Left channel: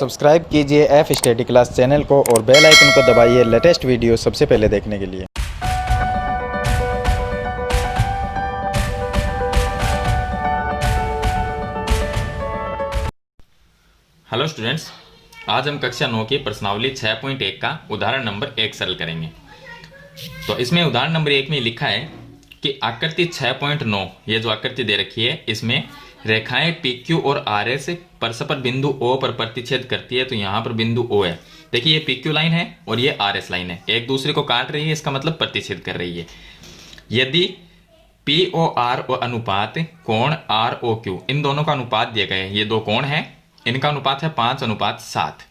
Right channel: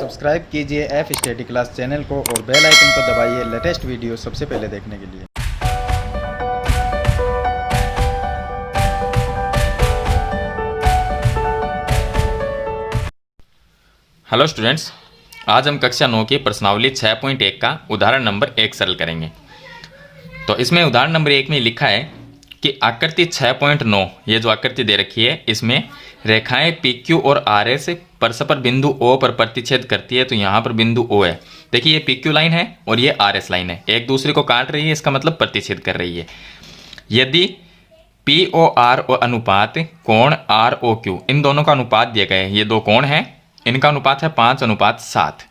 Subscribe कीजिए F study class channel को और बेल आइकन को दबाइए लेटेस्ट वीडियो सबसे पहले देखने के लिए। हेलो स्टूडेंट्स, आज हम कक्षा 9 की प्रश्नावली 6.1 का उदाहरण नंबर 1 सरल करेंगे। तो इसमें उदाहरण नंबर 1 में लिखा है कि आकृति 6.9, ये जो आकृति दे रखी है इसमें रेखाएं PQ और RS परस्पर बिंदु O पर प्रतिच्छेद करती है। तो यहाँ पर बिंदु O है, देखिए ये PQ लाइन है और ये RS लाइन है, एक दूसरे को काट रही है, इसका मतलब प्रतिच्छेद कर रही है। यदि POR और अनुपात कोण ROQ, इन दोनों का अनुपात दिया गया है, ये दो कोण हैं, इनका अनुपात है 5:7।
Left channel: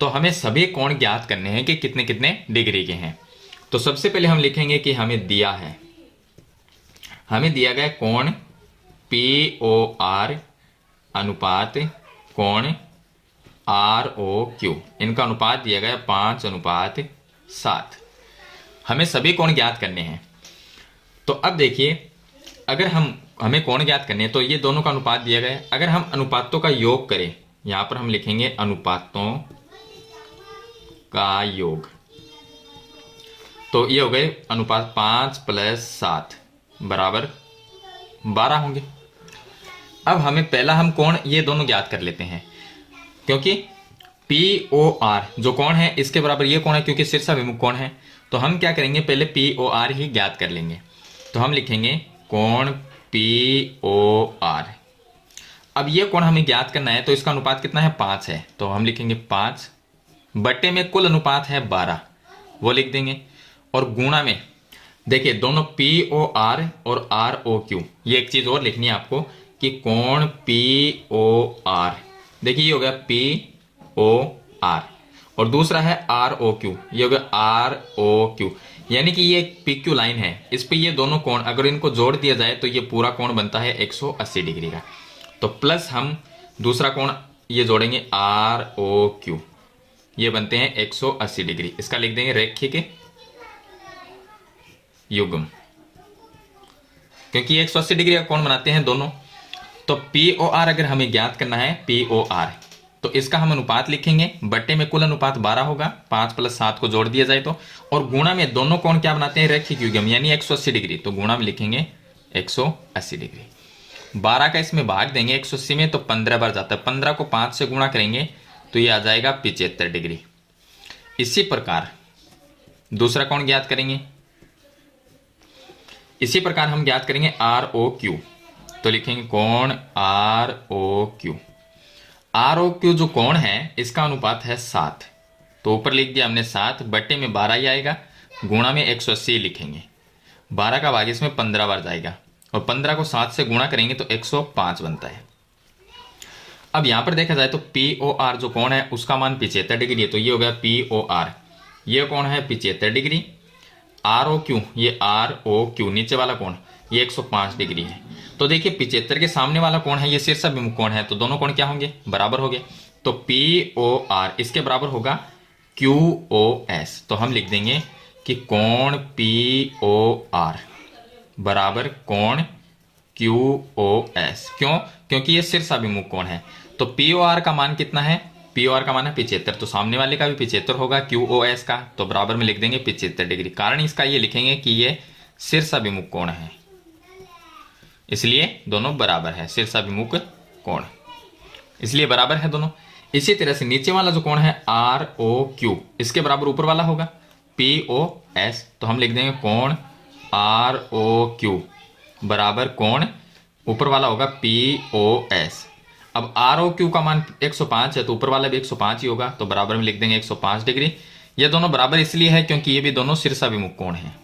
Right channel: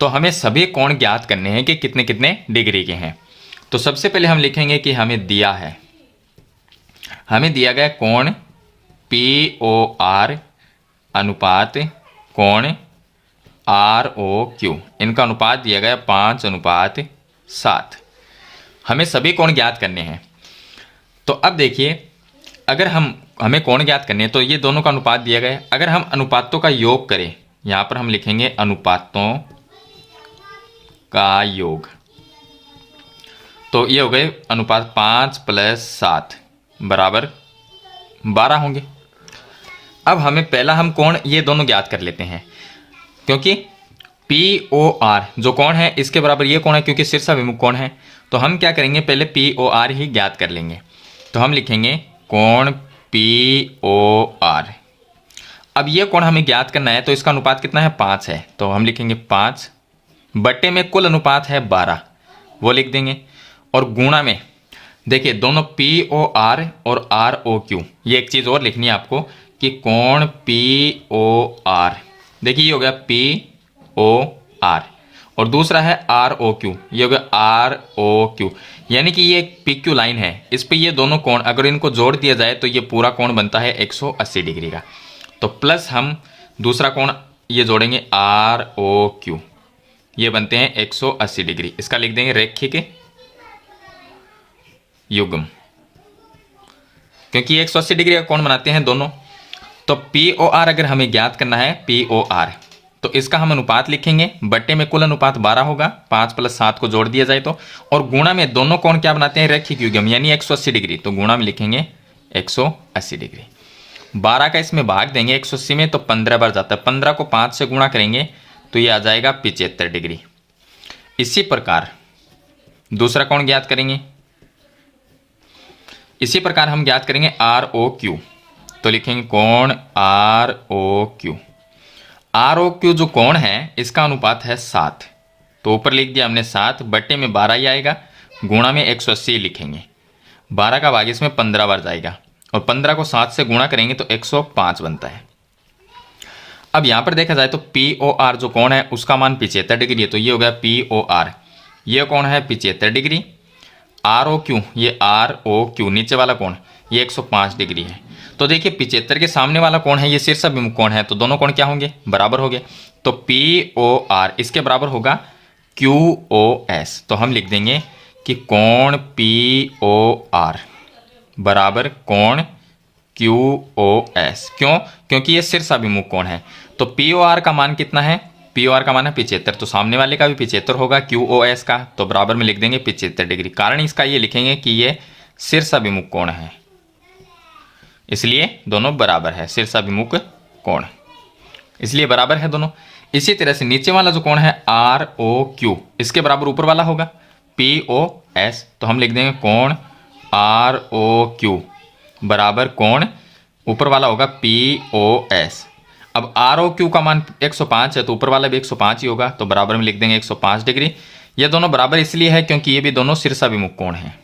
तो हमें सभी कोण ज्ञात करने हैं कि कितने कितने डिग्री के हैं। तो सबसे पहले हम लिखेंगे कि हमें दिया गया कोण POR अनुपात कोण ROQ, इनका अनुपात दिया गया 5:7। हमें सभी कोण ज्ञात करने हैं। तो अब देखिए, अगर हमें कोण ज्ञात करने हैं तो ये दोनों का अनुपात दिया गया है। अगर हम अनुपातों का योग करें, यहां पर हम लिखेंगे अनुपातों का योग, तो ये हो गए अनुपात 5 + 7 बराबर 12 होंगे। अब हम कोण ये दोनों ज्ञात कर लेते हैं, क्योंकि POR जो कोण है इसके बराबर ये कोण है, क्योंकि शीर्षाभिमुख कोण है। तो हम क्या करेंगे, पहले POR ही ज्ञात कर लेंगे। तो हम लिखेंगे कोण POR। अब ये कोण हमें ज्ञात करना है, तो इसका अनुपात कितना है, 5 है। तो हम लिखेंगे 5 बटे में कुल अनुपात है 12, वो लिख देंगे। और गुणा में देखिए दोनों POR और ROQ, ये एक चीज और लिखनी है आपको कि कोण POR, देखिए ये हो गया POR और दूसरा है ROQ, ये हो गया ROQ, यानी कि ये एक PQ लाइन है, इस पे ये दोनों कोण अगर इनको जोड़ दिया जाए तो ये पूरा कोण बनता है 180 डिग्री का। तो प्लस हम दूसरा कोण ये जोड़ेंगे ROQ, ये बनते हैं 180 डिग्री। इसका लिख देंगे रैखिक युग्म, क्योंकि 180 डिग्री का कोण बनाते हैं दोनों। तो POR अगर हमें ज्ञात करना है POR, तो इसका हम अनुपात लिखेंगे, बट्टे में कुल अनुपात 12 होगा, 5 + 7 को जोड़ दिया जाए तो, और गुणा में दोनों कोण क्या बनाते हैं, रैखिक युग्म, यानी 180 डिग्री। तो गुणा में लिखेंगे 180 डिग्री। 12 का इसमें भाग देंगे 180 में, तो 15 बार जाता है, 15 को 5 से गुणा करेंगे तो ये आ जाएगा 75 डिग्री। इसी प्रकार दूसरा कोण ज्ञात करेंगे, इसी प्रकार हम ज्ञात करेंगे ROQ। तो लिखेंगे कोण ROQ जो कोण है इसका अनुपात है 7। तो ऊपर लिख दिया हमने 7 बट्टे में 12 ही आएगा, गुणा में 180 लिखेंगे। 12 का भाग इसमें 15 बार जाएगा और 15 को 7 से गुणा करेंगे तो 105 बनता है। अब यहां पर देखा जाए तो POR जो कोण है उसका मान 75 डिग्री है, तो ये हो गया POR, ये कोण है 75 डिग्री। ROQ, ये ROQ नीचे वाला कोण, ये 105 डिग्री है। तो देखिए 75 के सामने वाला कोण है, ये शीर्षाभिमुख कोण है, तो दोनों कोण क्या होंगे, बराबर हो गए। तो POR इसके बराबर होगा QOS। तो हम लिख देंगे कि कोण POR बराबर कोण QOS। क्यों, क्योंकि ये शीर्षाभिमुख कोण है। तो POR का मान कितना है, POR का मान है 75, तो सामने वाले का भी 75 होगा QOS का, तो बराबर में लिख देंगे 75 डिग्री। कारण इसका ये लिखेंगे कि ये शीर्षाभिमुख कोण है, इसलिए दोनों बराबर है, शीर्षाभिमुख कोण, इसलिए बराबर है दोनों। इसी तरह से नीचे वाला जो कोण है ROQ, इसके बराबर ऊपर वाला होगा POS। तो हम लिख देंगे कोण ROQ बराबर कोण ऊपर वाला होगा POS। अब ROQ का मान 105 है, तो ऊपर वाला भी 105 ही होगा, तो बराबर में लिख देंगे 105 डिग्री। ये दोनों बराबर इसलिए है क्योंकि ये भी दोनों शीर्षाभिमुख कोण है,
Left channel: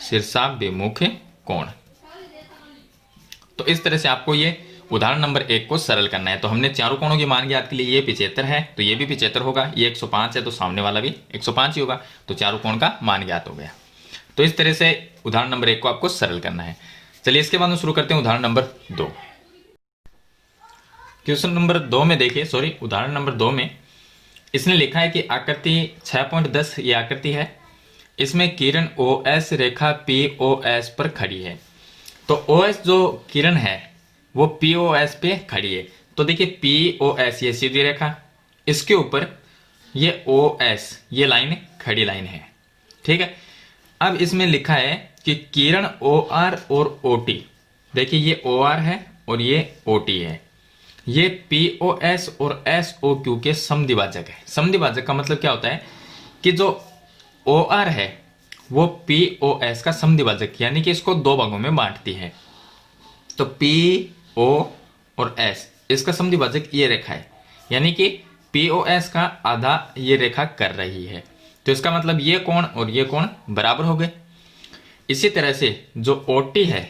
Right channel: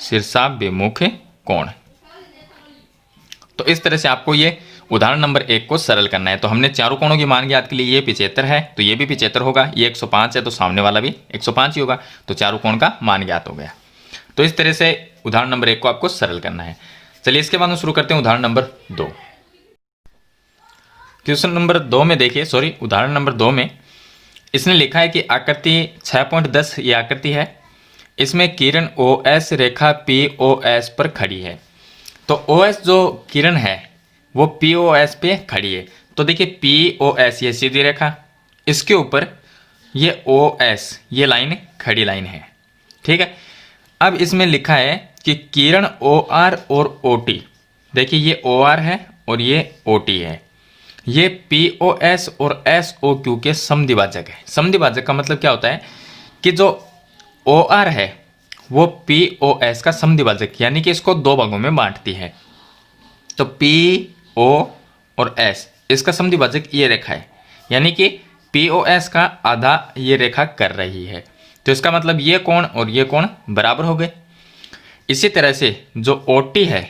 शीर्षाभिमुख कोण। तो इस तरह से आपको ये उदाहरण नंबर 1 को सरल करना है। तो हमने चारों कोणों की मान ज्ञात के लिए, ये 75 है तो ये भी 75 होगा, ये 105 है तो सामने वाला भी 105 ही होगा, तो चारों कोण का मान ज्ञात हो गया। तो इस तरह से उदाहरण नंबर 1 को आपको सरल करना है। चलिए इसके बाद हम शुरू करते हैं उदाहरण नंबर 2। क्वेश्चन नंबर 2 में देखिए, उदाहरण नंबर 2 में इसने लिखा है कि आकृति 6.10 ये आकृति है, इसमें किरण OS रेखा POS पर खड़ी है। तो OS जो किरण है वो POS पे खड़ी है, तो देखिए पी ओ एस ये सीधी रेखा, इसके ऊपर ये ओ एस ये लाइन खड़ी लाइन है, ठीक है। अब इसमें लिखा है कि किरण ओ आर और ओ टी, देखिए ये ओ आर है और ये ओ टी है, ये पी ओ एस और एस ओ क्यू के समद्विभाजक है। समद्विभाजक का मतलब क्या होता है कि जो ओ आर है वो पी ओ एस का समद्विभाजक, यानी कि इसको दो भागों में बांटती है। तो पी ओ और एस इसका समद्विभाजक ये रेखा है, यानी कि पी ओ एस का आधा ये रेखा कर रही है। तो इसका मतलब ये कोण और ये कोण बराबर हो गए। इसी तरह से जो ओ टी है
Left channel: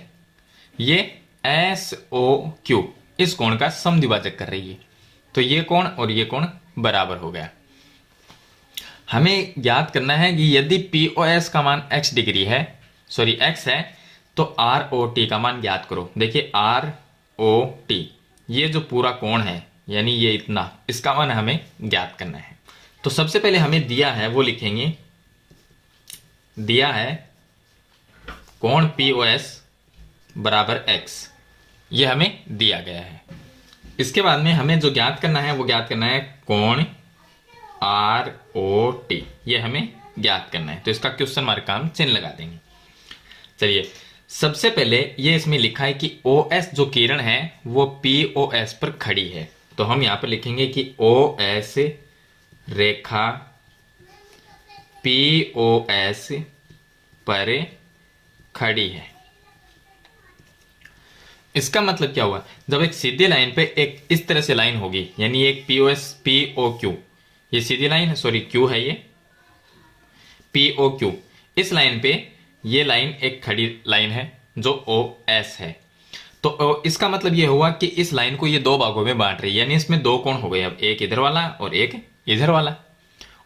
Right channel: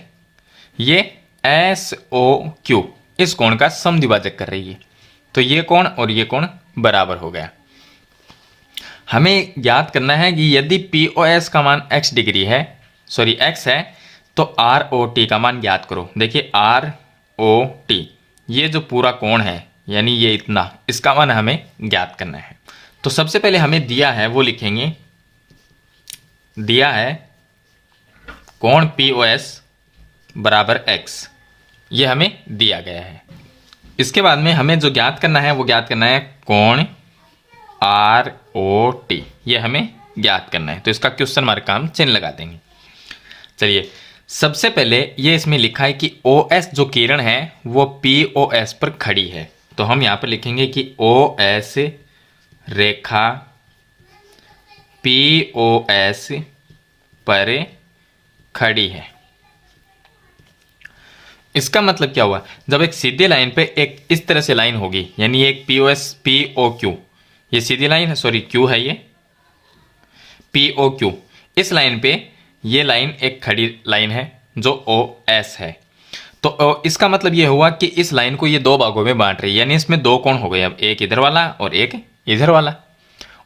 ये एस ओ क्यू इस कोण का समद्विभाजक कर रही है, तो ये कोण और ये कोण बराबर हो गया। हमें ज्ञात करना है कि यदि पी ओ एस का मान x डिग्री है, सॉरी x है, तो आर ओ टी का मान ज्ञात करो। देखिए आर ओ टी ये जो पूरा कोण है, यानी ये इतना, इसका मान हमें ज्ञात करना है। तो सबसे पहले हमें दिया है वो लिखेंगे, दिया है कोण पी ओ एस बराबर x, ये हमें दिया गया है। इसके बाद में हमें जो ज्ञात करना है वो ज्ञात करना है कोण आर ओ टी, ये हमें ज्ञात करना है। तो इसका क्वेश्चन मार्क का हम चिन्ह लगा देंगे। चलिए सबसे पहले ये इसमें लिखा है कि ओ एस जो किरण है वो पी ओ एस पर खड़ी है, तो हम यहां पर लिखेंगे कि ओ एस रेखा पी ओ एस पर खड़ी है। इसका मतलब क्या हुआ, जब एक सीधी लाइन पे एक इस तरह से लाइन होगी, यानी एक P O S P O Q, ये सीधी लाइन है, सॉरी क्यू है, ये पी ओ क्यू, इस लाइन पे ये लाइन एक खड़ी लाइन है जो ओ एस है। तो इसका मतलब ये हुआ कि इस लाइन को ये दो भागों में बांट रही है, यानी इसमें दो कोण हो गए, अब एक इधर वाला और एक इधर वाला,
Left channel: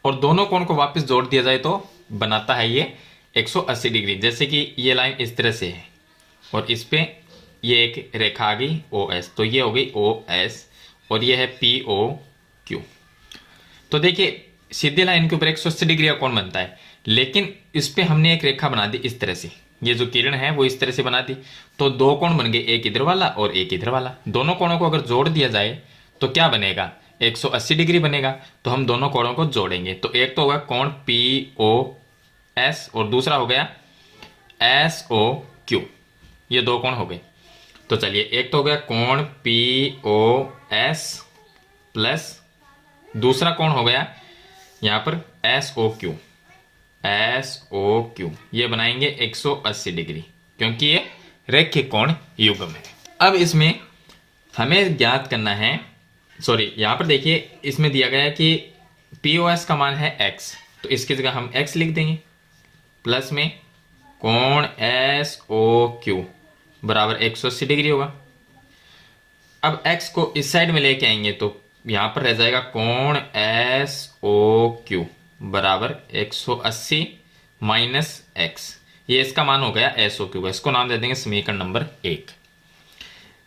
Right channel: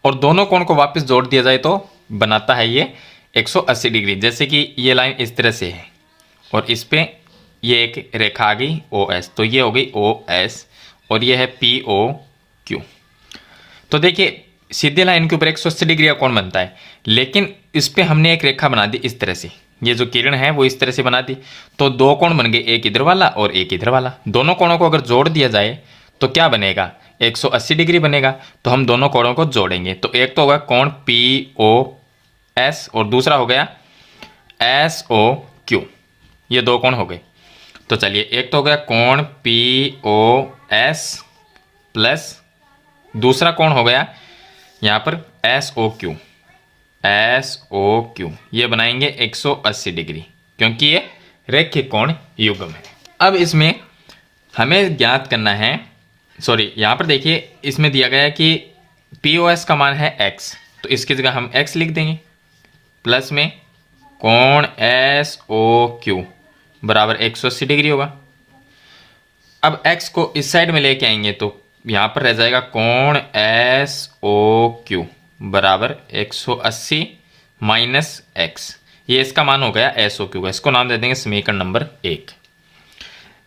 और दोनों कोण को वापस जोड़ दिया जाए तो बनाता है ये 180 डिग्री। जैसे कि ये लाइन इस तरह से है और इस पे ये एक रेखा आ गई ओ एस, तो ये हो गई ओ एस और ये है पी ओ क्यू। तो देखिए सीधी लाइन के ऊपर 180 डिग्री का कोण बनता है, लेकिन इस पे हमने एक रेखा बना दी इस तरह से, ये जो किरण है वो इस तरह से बना दी, तो दो कोण बन गए, एक इधर वाला और एक इधर वाला। दोनों कोणों को अगर जोड़ दिया जाए तो क्या बनेगा, 180 डिग्री बनेगा। तो हम दोनों कोणों को जोड़ेंगे, तो एक तो होगा कोण पी ओ एस और दूसरा हो गया एस ओ क्यू, ये दो कोण हो गए। तो चलिए एक तो हो गया कोण पी ओ एस प्लस दूसरा कोण हो गया यहाँ पर S O Q, S O Q, ये बनाएंगे 180 डिग्री, क्योंकि ये रैखिक कोण युग्म है। अब इसमें हमें ज्ञात करना है, सॉरी यहाँ पर देखिए इसमें दिया गया है कि पी ओ एस का मान है x, तो इसकी जगह हम x लिख देंगे, प्लस में कोण एस ओ क्यू बराबर 180 डिग्री होगा। अब x को इस साइड में लेके आएंगे तो यहाँ पर रह जाएगा कोण एस ओ क्यू बराबर 180 माइनस x, ये इसका मान हो गया एस ओ क्यू का, इसको नाम दे देंगे समीकरण नंबर 1।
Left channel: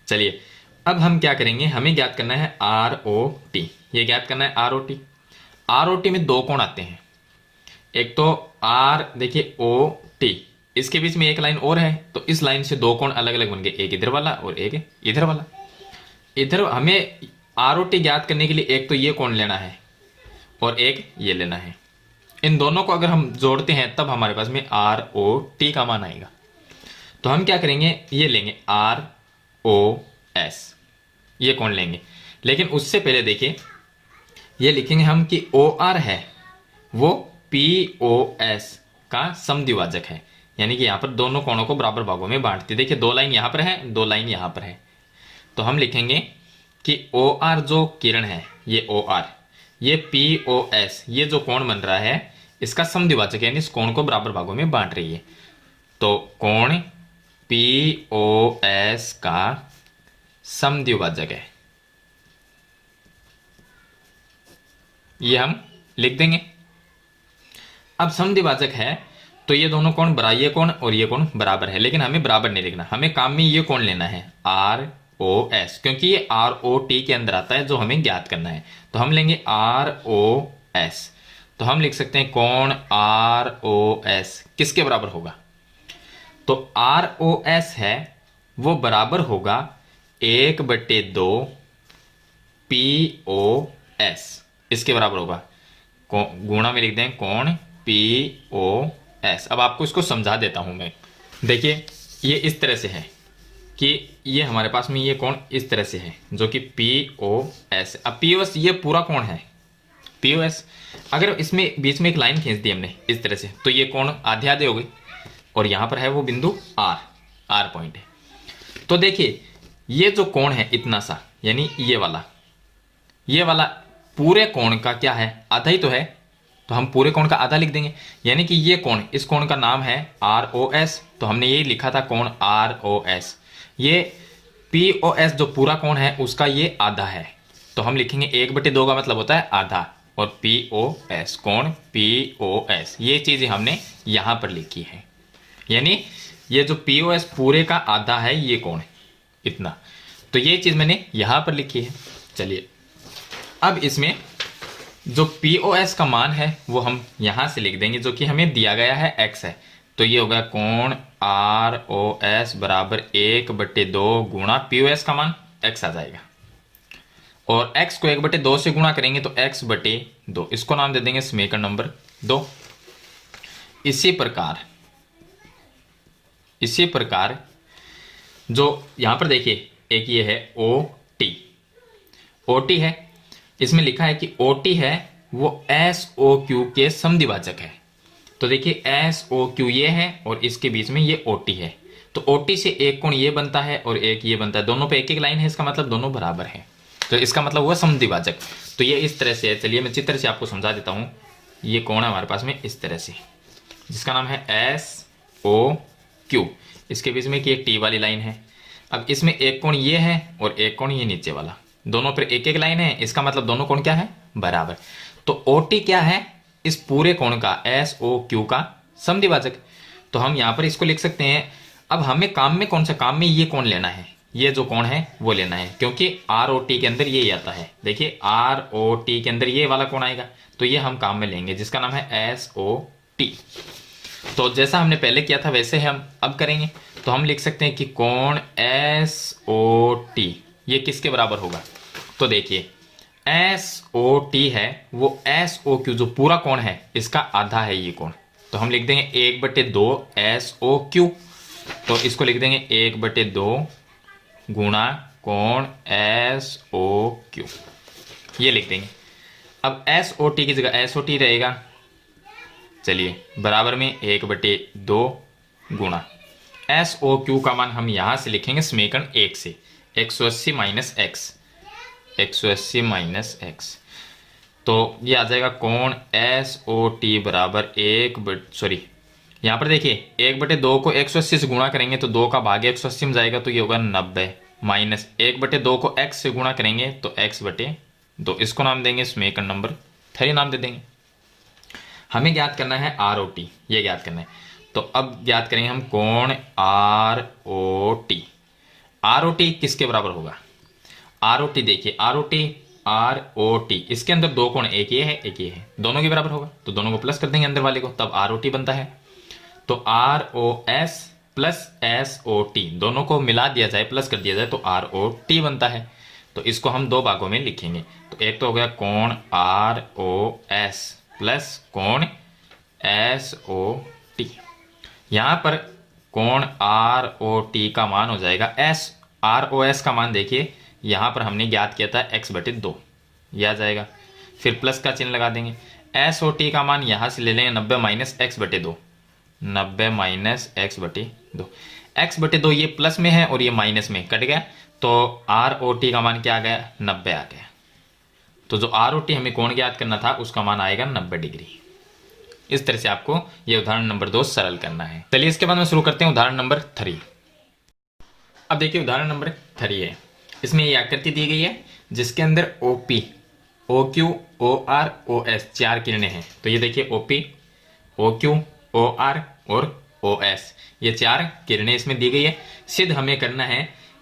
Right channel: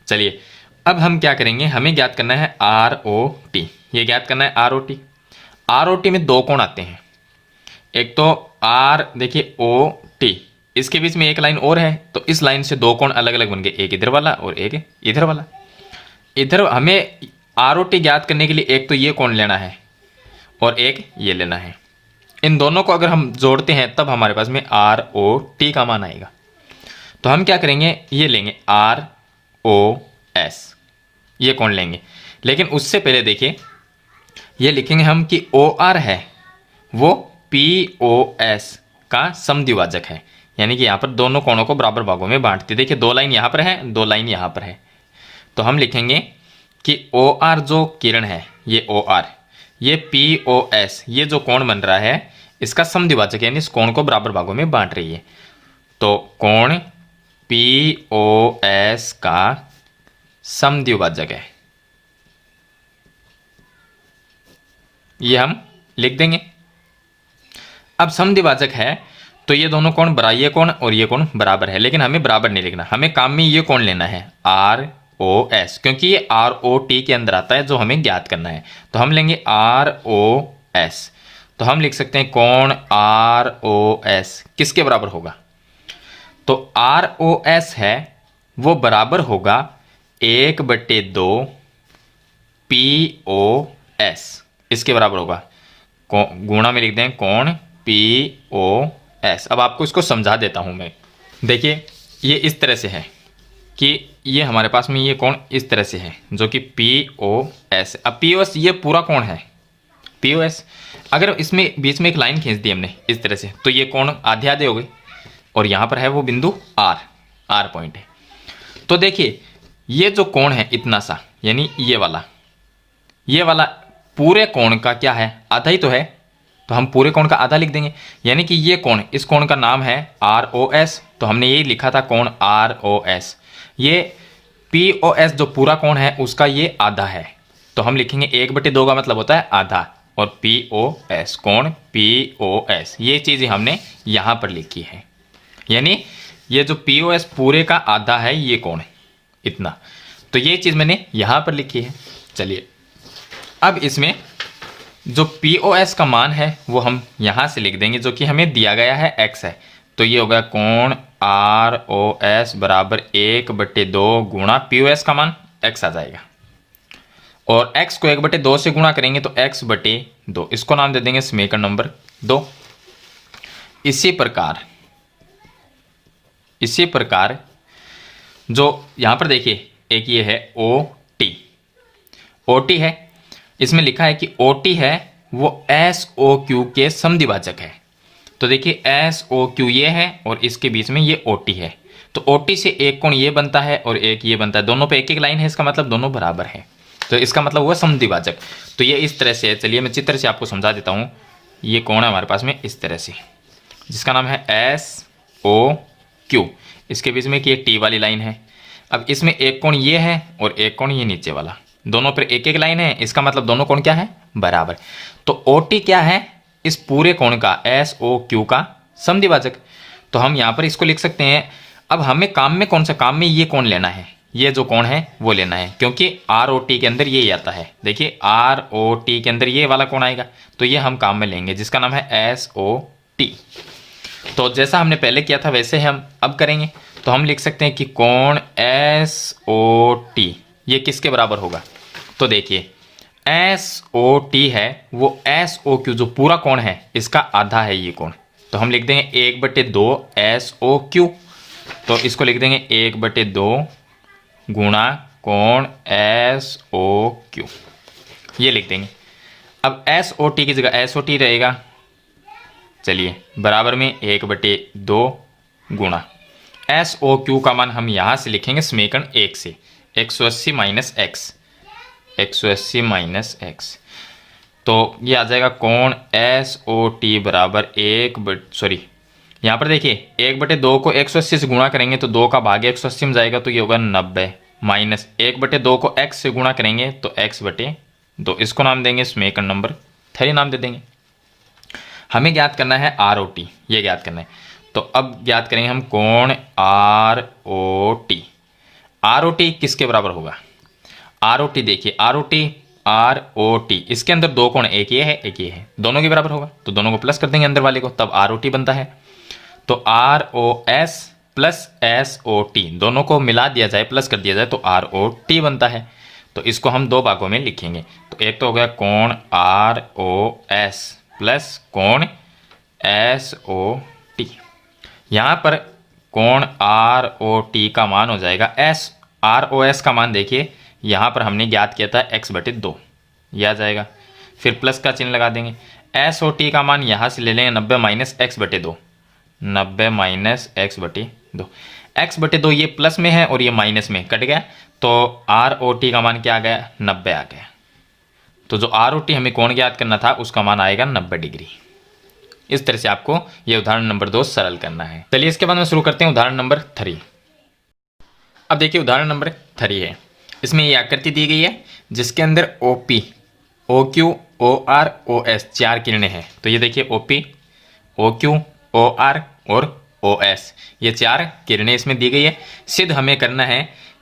चलिए अब हम क्या करेंगे, हमें ज्ञात करना है आर ओ टी, ये ज्ञात करना है R O T. R O T में दो कोण आते हैं, एक तो आर देखिए ओ टी, इसके बीच में एक लाइन और है, तो इस लाइन से दो कोण अलग अलग बन गए, एक इधर वाला और एक इधर वाला। इधर हमें आर ओ टी ज्ञात करने के लिए एक तो ये कोण लेना है और एक ये लेना है, इन दोनों को अगर हम जोड़ते हैं तब हमारे पास में आर ओ टी का मान आएगा। तो हम क्या करेंगे, ये लेंगे आर ओ एस, ये कोण लेंगे, लेकिन उससे पहले देखिए ये लिखेंगे हम कि ओ आर है वो पी ओ एस का समद्विभाजक है, यानी कि यहाँ पर दोनों कोणों को बराबर भागों में बांटती। देखिए दो लाइन यहाँ पर है, दो लाइन यहाँ पर है, तो हम लिखेंगे कि ओ आर जो किरण है ये ओ आर, ये पी ओ एस ये जो कोण बन रहा है इसका समद्विभाजक, यानी इस कोण को बराबर भागों में बांट रही है। तो कोण पी ओ एस का समद्विभाजक है, ये हम लिख देंगे। अब समद्विभाजक है तो ये दोनों कोण ये कोण और ये कोण बराबर है, लेकिन हमें बराबर नहीं लिखना, हमें काम में ये कोण लेना है आर ओ एस, क्योंकि ये आर ओ टी के अंदर आता है जो हमें ज्ञात करना है। तो हम लेंगे आर ओ एस, तो हम लिख सकते हैं कोण आर ओ एस किसके बराबर होगा, तो आर ओ एस है वो बराबर होगा 1/2 POS इसके बराबर होगा। गुणा में लिख दें कोण POS। अब आपको इसको समझा देता हूं मैं। देखिए ये इस तरह से है कि ये हमारे पास में ये कोण इस तरह से है जो कि POS। अब POS ये पूरा कोण है POS। अगर इसमें बीच में एक लाइन खींच दी हमने इस तरह से तो ये कोण आधे आधे हो गए और यहाँ पर है वो बिंदु R पॉइंट है। तो देखिए ये जो कोण है इतना सा यानी ये वाला पूरे कोण का क्या है, आधा ही तो है, तो हम पूरे कोण का आधा लिख देंगे। यानी कि ये कोण, इस कोण का नाम है ROS, तो हमने यही लिखा था कोण ROS। ये POS जो पूरा कोण है उसका ये आधा है, तो हम लिखेंगे 1/2 का मतलब होता है आधा, और POS कोण POS ये चीज़ हमने यहाँ पर लिखी है। यानी ये जो POS पूरे का आधा है ये कोण इतना, तो ये चीज़ मैंने यहाँ पर लिखी है। चलिए अब इसमें जो POS का मान है वो हम यहाँ से लिख देंगे जो कि हमें दिया गया है x है। तो ये हो गया कोण ROS बराबर 1/2 गुणा POS का मान x आ जाएगा, और x को 1/2 से गुणा करेंगे तो x/2, इसको नाम दे देंगे समीकरण नंबर 2। इसी प्रकार जो यहाँ पर देखिए एक ये है OT है, इसमें लिखा है कि OT है वो SOQ के समद्विभाजक है। तो देखिए SOQ ये है और इसके बीच में ये OT है, तो OT से एक कोण ये बनता है और एक ये बनता है, दोनों पे एक एक लाइन है, इसका मतलब दोनों बराबर है, तो इसका मतलब हुआ समद्विभाजक। तो ये इस तरह से है। चलिए मैं चित्र से आपको समझा देता हूँ। ये कोण है हमारे पास में इस तरह से जिसका नाम है SOQ, इसके बीच में एक ये T वाली लाइन है। अब इसमें एक कोण ये है और एक कोण ये नीचे वाला, दोनों पर एक एक लाइन है, इसका मतलब दोनों कोण क्या है, बराबर। तो OT क्या है, इस पूरे कोण का SOQ का समद्विभाजक। तो हम यहाँ पर इसको लिख सकते हैं। अब हमें काम में कौन सा, काम में ये कोण लेना है, ये जो कोण है वो लेना है, क्योंकि ROT के अंदर ये आता है। देखिए ROT के अंदर ये वाला कोण आएगा, तो ये हम काम में लेंगे जिसका नाम है SOT। तो जैसा हमने पहले किया था वैसे हम अब करेंगे। तो हम लिख सकते हैं कि कोण SOT ये किसके बराबर होगा। तो देखिए SOT है वो SOQ जो पूरा कोण है इसका आधा है ये कोण, तो हम लिख देंगे 1/2 SOQ। तो इसको लिख देंगे 1/2 गुणा कोण SOQ, ये लिख देंगे। अब SOT की जगह SOT रहेगा, चलिए बराबर में 1/2 गुणा SOQ का मान हम यहाँ से लिखेंगे समीकरण 1 से, 180 माइनस x, तो ये आ जाएगा कोण SOT बराबर यहाँ पर देखिए 1/2 को 180 से गुणा करेंगे तो 2 का भाग 180 में जाएगा, तो ये होगा 90, माइनस 1/2 को x से गुणा करेंगे तो x/2, इसको नाम देंगे समीकरण नंबर 3 नाम दे देंगे। हमें ज्ञात करना है ROT, ये ज्ञात करना है। तो अब ज्ञात करेंगे हम कोण ROT किसके बराबर होगा। ROT देखिए ROT इसके अंदर दो कोण, एक ये है एक ये है, दोनों के बराबर होगा, तो दोनों को प्लस कर देंगे अंदर वाले को, तब ROT बनता है। तो ROS प्लस SOT दोनों को मिला दिया जाए, प्लस कर दिया जाए तो ROT बनता है। तो इसको हम दो भागों में लिखेंगे। तो एक तो हो गया कोण ROS प्लस कोण SOT। यहाँ पर कोण ROT का मान हो जाएगा ROS का मान देखिए यहाँ पर हमने ज्ञात किया था x/2, यह आ जाएगा, फिर प्लस का चिन्ह लगा देंगे। SOT का मान यहाँ से ले लेंगे 90 minus x/2, 90 minus x/2, x/2 ये प्लस में है और ये माइनस में कट गया, तो ROT का मान क्या आ गया, 90 आ गया। तो जो ROT हमें कोण ज्ञात करना था उसका मान आएगा 90 डिग्री। इस तरह से आपको ये उदाहरण नंबर 2 सरल करना है। चलिए इसके बाद में शुरू करते हैं उदाहरण नंबर 3। अब देखिए उदाहरण नंबर 3 है, इसमें ये आकृति दी गई है जिसके अंदर OP, OQ, OR, OS 4 किरणें हैं। तो ये देखिए OP, OQ, OR और OS ये 4 किरणें इसमें दी गई है। सिद्ध हमें करना है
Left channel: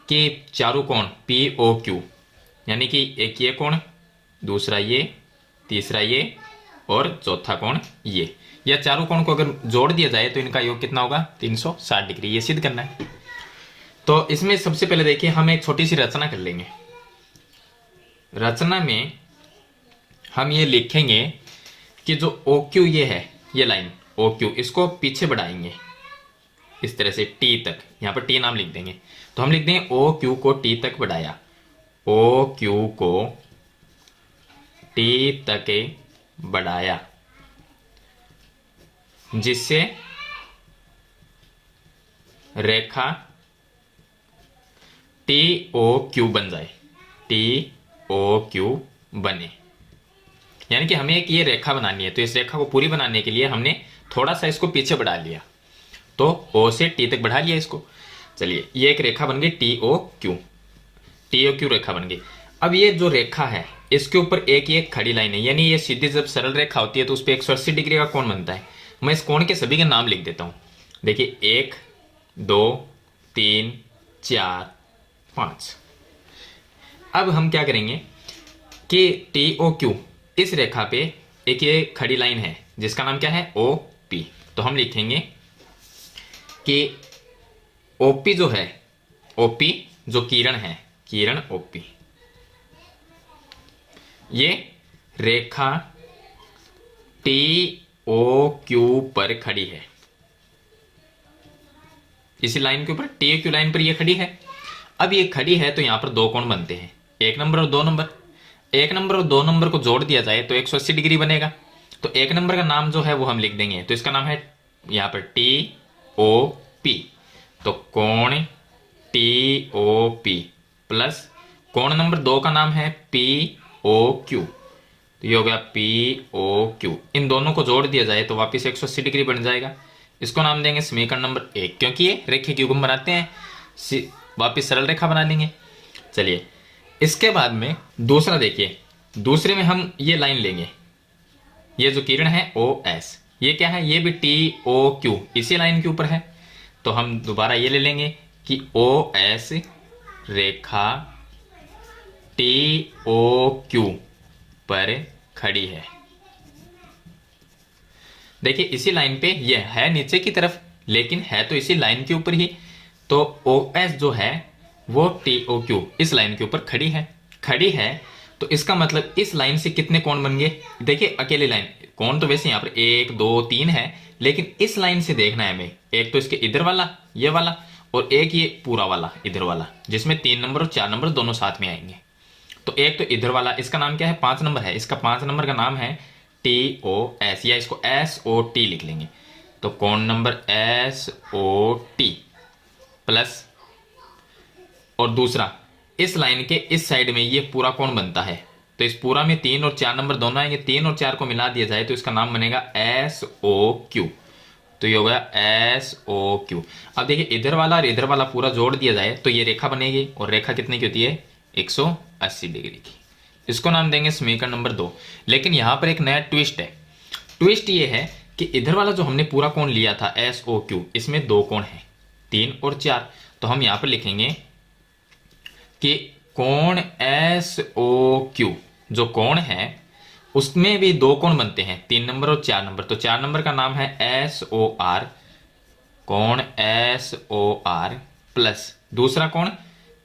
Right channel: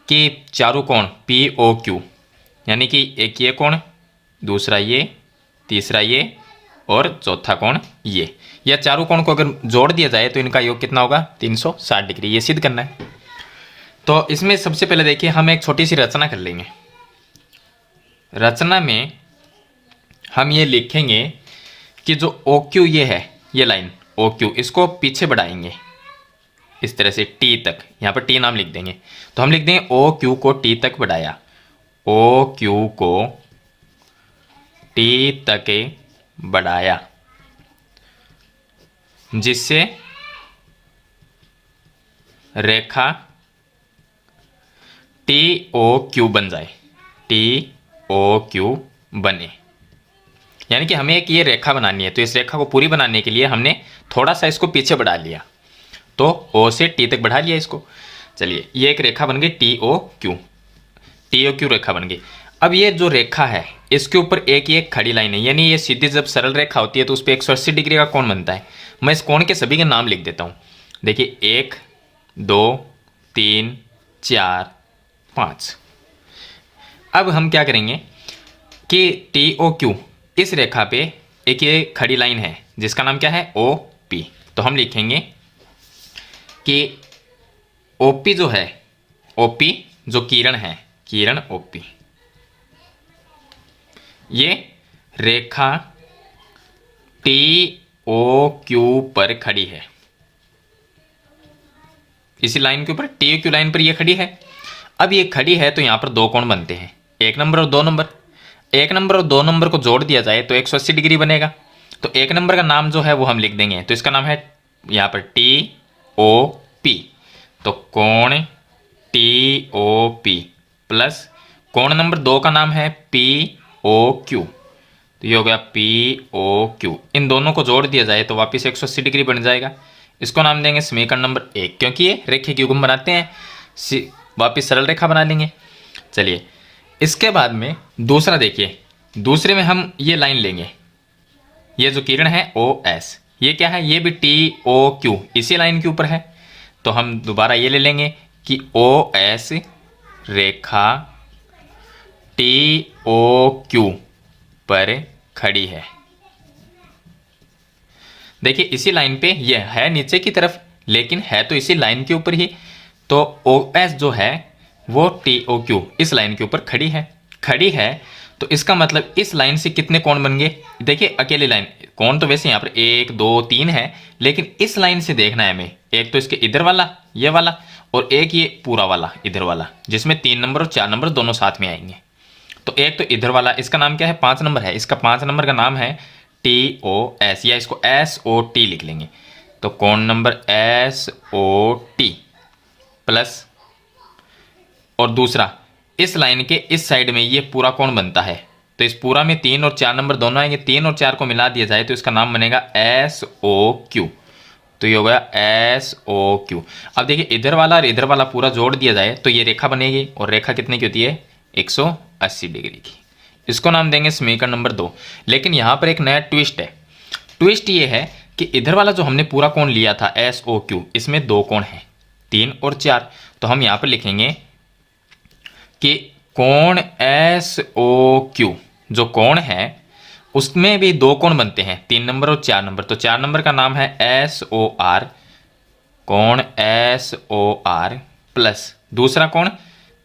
कि चारों कोण POQ यानी कि एक ये कोण, दूसरा ये, तीसरा ये और चौथा कोण ये, या चारों कोण को अगर जोड़ दिया जाए तो इनका योग कितना होगा, 360 डिग्री, ये सिद्ध करना है। तो इसमें सबसे पहले देखिए हम एक छोटी सी रचना कर लेंगे। रचना में हम ये लिखेंगे कि जो ओ क्यू ये है, ये लाइन ओ क्यू, इसको पीछे बढ़ाएंगे इस तरह से टी तक, यहाँ पर टी नाम लिख देंगे। तो हम लिख देंगे ओ क्यू को टी तक बढ़ाया, ओ क्यू को टी तक बढ़ाया, जिससे रेखा टी ओ क्यू बन जाए, टी ओ क्यू बने। यानी कि हमें एक ये रेखा बनानी है, तो इस रेखा को पूरी बनाने के लिए हमने थोड़ा सा इसको पीछे बढ़ा लिया, तो ओ से टी तक बढ़ा लिया इसको। चलिए ये एक रेखा बन गई T O Q, T O Q रेखा बन गई। अब ये जो रेखा है इसके ऊपर एक ये खड़ी लाइन है, यानी ये सीधी जब सरल रेखा होती है तो उस पर 180 डिग्री का कोण बनता है। मैं इस कोण के सभी के नाम लिख देता हूँ। देखिए 1 2 3 4 5। अब हम क्या करेंगे कि टी ओ क्यू इस रेखा पे एक ये खड़ी लाइन है जिसका नाम क्या है ओ पी। तो हम लिखेंगे कि ओपी जो है, ओपी जो किरण है, किरण ओपी, ये रेखा टी ओ क्यू पर खड़ी है। इसी लाइन के ऊपर टी ओ क्यू लाइन पर ये खड़ी है। अब ये खड़ी है तो यहां पर दो कोण बनते हैं, 1 नंबर और 2 नंबर। 1 नंबर और 2 नंबर को जोड़ दिया जाए तो 180 डिग्री बनेगा। तो 1 नंबर का नाम जो है वो हम लिख देंगे, तो इसका नाम है यहाँ पर टी ओ पी। तो कोण टी ओ पी प्लस कोण नंबर 2 का नाम है पी ओ क्यू, तो ये हो गया पी ओ क्यू। इन दोनों को जोड़ दिया जाए तो वापस 180 डिग्री बन जाएगा। इसको नाम देंगे समीकरण नंबर 1, क्योंकि ये रेखे की युग्म बनाते हैं, वापस सरल रेखा बना लेंगे। चलिए इसके बाद में दूसरा देखिए, दूसरे में हम ये लाइन लेंगे, ये जो किरण है ओ एस, ये क्या है, ये भी टी ओ क्यू इसी लाइन के ऊपर है। तो हम दोबारा ये ले लेंगे कि ओ एस रेखा टी ओ क्यू पर खड़ी है। देखिए इसी लाइन पे ये है नीचे की तरफ, लेकिन है तो इसी लाइन के ऊपर ही। तो ओ एस जो है वो टी ओ क्यू इस लाइन के ऊपर खड़ी है, खड़ी है। तो इसका मतलब इस लाइन से कितने कोण बन गए। देखिए अकेली लाइन, कोण तो वैसे यहाँ पर 1 2 3 है, लेकिन इस लाइन से देखना है हमें, एक तो इसके इधर वाला ये वाला, और एक ये पूरा वाला इधर वाला, जिसमें 3 नंबर और 4 नंबर दोनों साथ में आएंगे। तो एक तो इधर वाला, इसका नाम क्या है 5 नंबर है, इसका 5 नंबर का नाम है टी ओ एस, या इसको एस ओ टी लिख लेंगे। तो कोण number S O T plus, और दूसरा इस लाइन के इस साइड में ये पूरा कोण बनता है, तो इस पूरा में 3 और 4 नंबर दोनों आएंगे, 3 और 4 को मिला दिया जाए तो इसका नाम बनेगा एस ओ क्यू। तो ये हो गया एस ओ क्यू। अब देखिए इधर वाला और इधर वाला पूरा जोड़ दिया जाए तो ये रेखा बनेगी, और रेखा कितने की होती है 180 डिग्री की। इसको नाम देंगे समीकरण नंबर 2। लेकिन यहाँ पर एक नया ट्विस्ट है। ट्विस्ट ये है कि इधर वाला जो हमने पूरा कोण लिया था एस ओ क्यू, इसमें 2 कोण हैं 3 और 4। तो हम यहाँ पर लिखेंगे कि कोण एस ओ क्यू जो कोण है उसमें भी 2 कोण बनते हैं, 3 नंबर और 4 नंबर। तो 4 नंबर का नाम है एस ओ आर, कोण एस ओ आर प्लस दूसरा कोण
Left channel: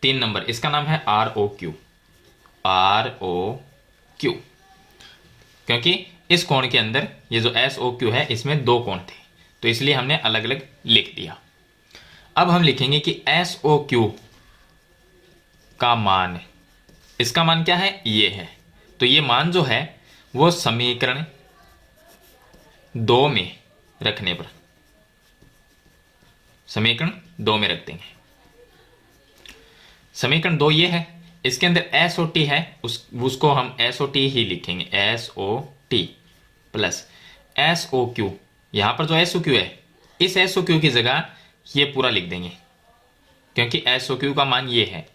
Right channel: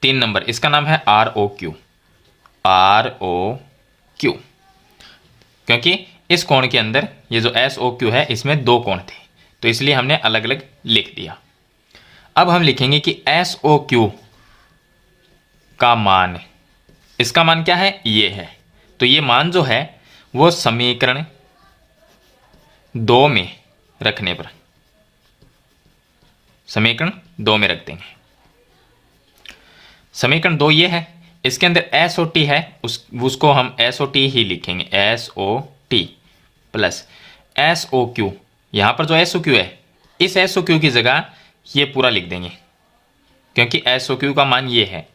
3 नंबर, इसका नाम है R O Q, R O Q. क्योंकि इस कोण के अंदर ये जो एस ओ क्यू है इसमें 2 कोण थे, तो इसलिए हमने अलग अलग लिख दिया। अब हम लिखेंगे कि एस ओ क्यू का मान, इसका मान क्या है ये है। तो ये मान जो है वो समीकरण 2 में रखने पर, समीकरण 2 में रख देंगे। समीकरण 2 ये है, इसके अंदर एस ओ टी है, उसको हम एस ओ टी ही लिखेंगे, S O T plus S O Q. यहां पर जो एस ओ क्यू है इस एस ओ क्यू की जगह ये पूरा लिख देंगे, क्योंकि एस ओ क्यू का मान ये है।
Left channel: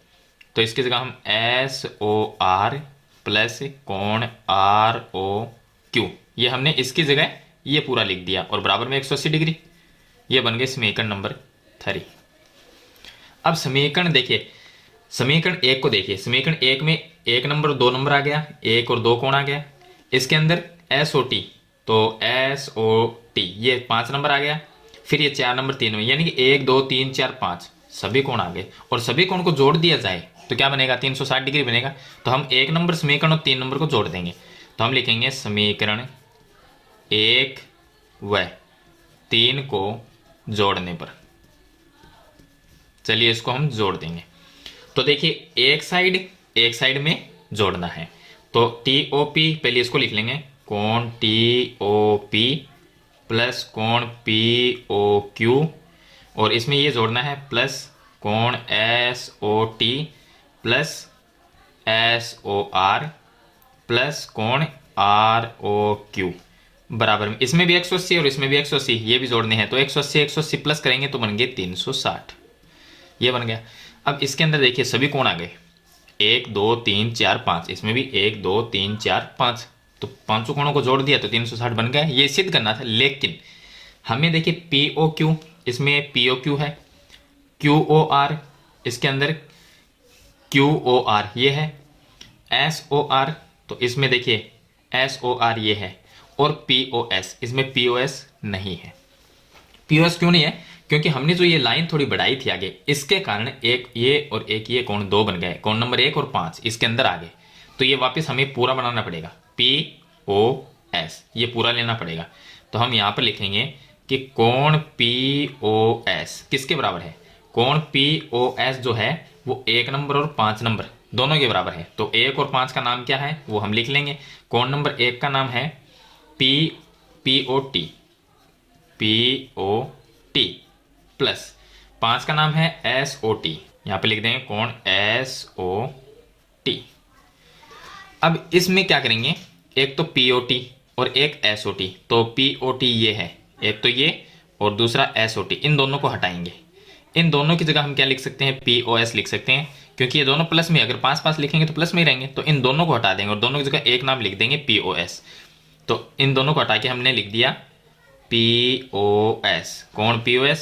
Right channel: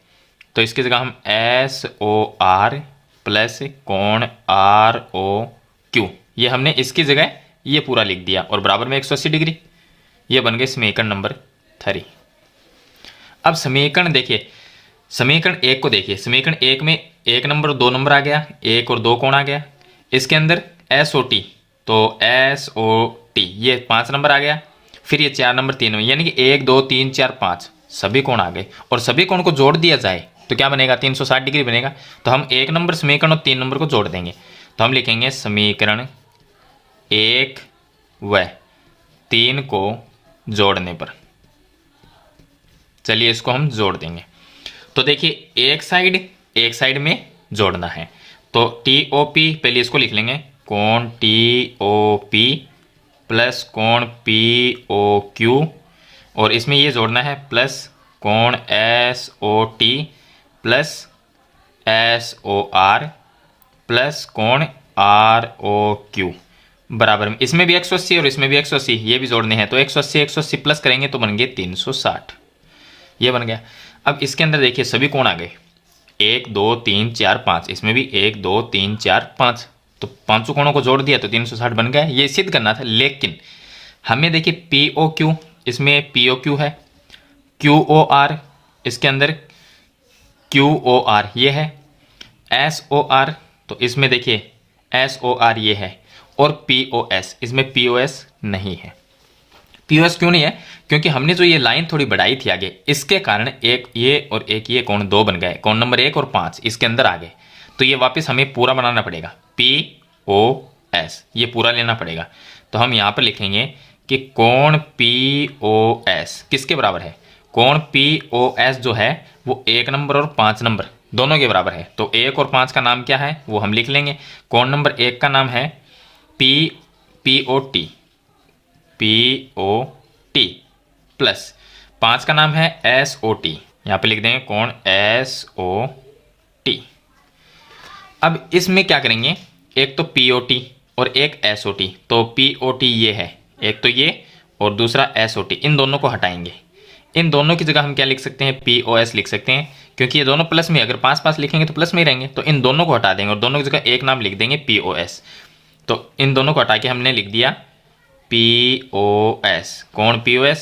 तो इसकी जगह हम एस ओ आर प्लस कोण आर ओ क्यू, ये हमने इसकी जगह ये पूरा लिख दिया, और बराबर में 180 डिग्री। ये बन गए समीकरण नंबर 3। अब समीकरण देखिए, समीकरण 1 को देखिए, समीकरण 1 में 1 नंबर और 2 नंबर आ गया, 1 और 2 कोण आ गया। इसके अंदर एस ओ टी, तो एस ओ टी ये 5 नंबर आ गया, फिर ये 4 नंबर 3 में, यानी कि 1 2 3 4 5 सभी कोण आ गए। और सभी कोण को जोड़ दिया जाए तो क्या बनेगा, 360 डिग्री बनेगा। तो हम 1 नंबर समीकरण और 3 नंबर को जोड़ देंगे। तो हम लिखेंगे समीकरण 1 व 3 को जोड़ने पर, चलिए इसको हम जोड़ देंगे। तो देखिए एक साइड में जोड़ना है, तो TOP पहले इसको लिख लेंगे, कोण TOP प्लस कोण POQ, और इसमें ये जोड़ना है प्लस कोण SOT प्लस SOR प्लस कोण ROQ बराबर में, इसमें भी 180 और इसमें भी 180 ये भी जोड़ने हैं। तो 180 प्लस करेंगे तो बन गए 360, ये बन गया। अब इसके अंदर देखिए सभी कोण आ गए, 1 2 3 4 5, इसमें भी 1 2 3 4 5, तो पांचों कोणों को जोड़ दिया तो 360 बन गया। ये सिद्ध करना था, लेकिन हमें देखिए POQ, इसमें POQ है, QOR इसके अंदर QOR ये है, SOR तो इसमें देखिए SOR ये है, और POS इसमें POS नहीं है। POS क्यों नहीं है, क्योंकि हमने जो ये लाइन थोड़ी बढ़ाई थी आगे, इसके कारण एक ये और एक ये कोण 2 बन गए, कोण नंबर 1 और 5 इसके अंदर आ गए। तो ये वापस हमें पूरा बनाना पड़ेगा, POS ये पूरा लेना पड़ेगा। तो हम यहाँ पर लिखेंगे कि कोण POS किसके बराबर है, कोण POS जो है वो 1 नंबर और 5 नंबर दोनों के बराबर है। तो 1 और 5 का नाम क्या है वो हम लिख लेंगे। कोण नंबर 1 का नाम है POT प्लस 5 का नाम है SOT, यहाँ पे लिख देंगे कोण SOT। अब इसमें क्या करेंगे, एक तो POT और एक SOT, तो POT ये है एक तो ये, और दूसरा SOT, इन दोनों को हटाएंगे। इन दोनों की जगह हम क्या लिख सकते हैं, POS लिख सकते हैं, क्योंकि ये दोनों प्लस में, अगर पास पास लिखेंगे तो प्लस में ही रहेंगे। तो इन दोनों को हटा देंगे और दोनों की जगह एक नाम लिख देंगे POS। तो इन दोनों को हटा के हमने लिख दिया POS, कोण POS,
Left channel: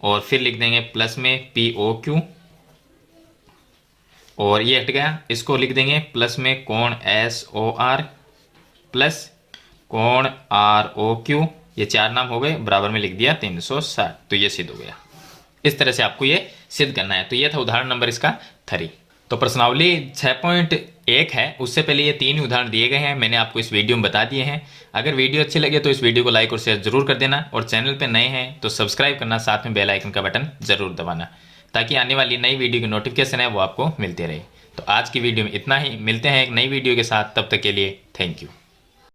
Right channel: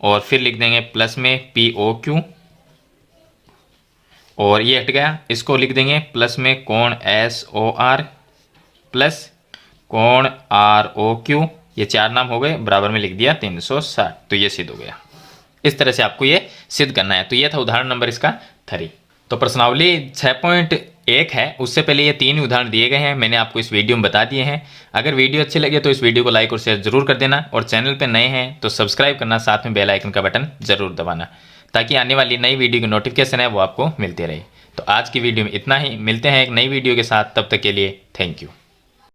और फिर लिख देंगे प्लस में POQ, और ये हट गया, इसको लिख देंगे प्लस में कोण SOR प्लस कोण ROQ, ये 4 नाम हो गए, बराबर में लिख दिया 360। तो ये सिद्ध हो गया। इस तरह से आपको ये सिद्ध करना है। तो ये था उदाहरण नंबर इसका 3। तो प्रश्नावली 6.1 है, उससे पहले ये 3 उदाहरण दिए गए हैं, मैंने आपको इस वीडियो में बता दिए हैं। अगर वीडियो अच्छे लगे तो इस वीडियो को लाइक और शेयर जरूर कर देना, और चैनल पे नए हैं तो सब्सक्राइब करना, साथ में बेल आइकन का बटन जरूर दबाना, ताकि आने वाली नई वीडियो की नोटिफिकेशन है वो आपको मिलती रहे। तो आज की वीडियो में इतना ही, मिलते हैं एक नई वीडियो के साथ, तब तक के लिए थैंक यू।